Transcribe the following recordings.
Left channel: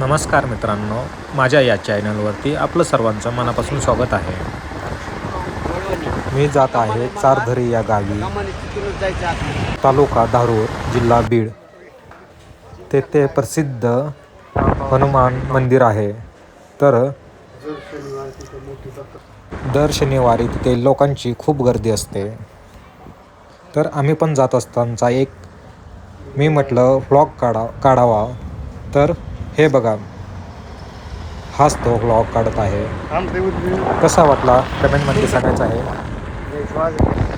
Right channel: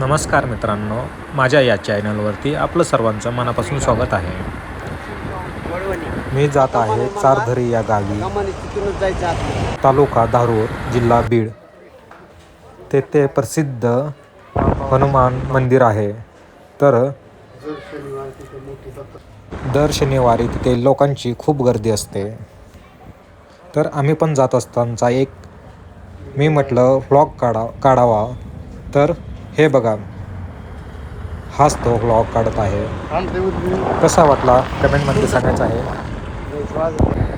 नमस्कार मित्रांनो माझ्या या चॅनलवरती आपलं सर्वांचं मनापासून स्वागत आहे. मी जात आहे चारधरी या गावी तालुका धारूर जिल्हा बीड. तेथे प्रसिद्ध हनुमान मंदिर आहे. तर दर शनिवारी तिथे लोकांची खूप गर्दी असते. तर आम्ही पण जात असतानाचा एक मी म्हटलं व्लॉग काढा काढावा. तर हे बघा. हाच तो व्लॉग काढत आहे. कसा वाटला? कमेंटमध्ये सांगायचं आहे.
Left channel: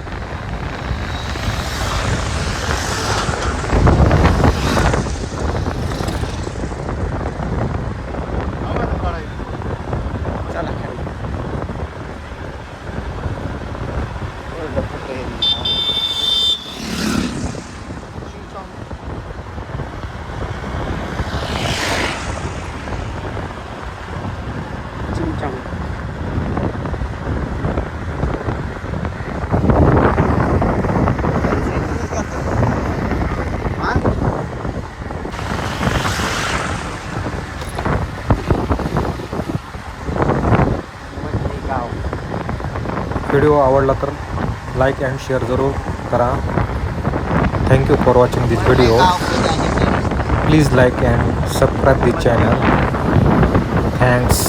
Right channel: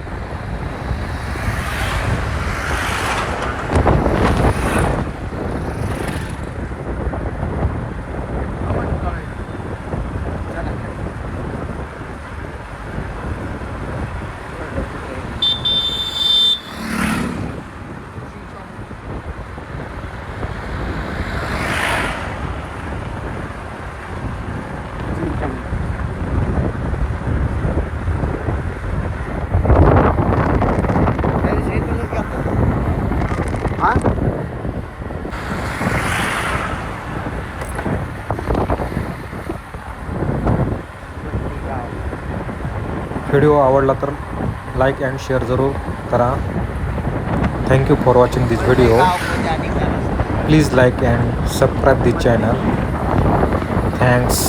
व्हिडिओ आवडला तर लाईक अँड शेअर जरूर करा. Thank you for watching this video please like and subscribe this channel thanks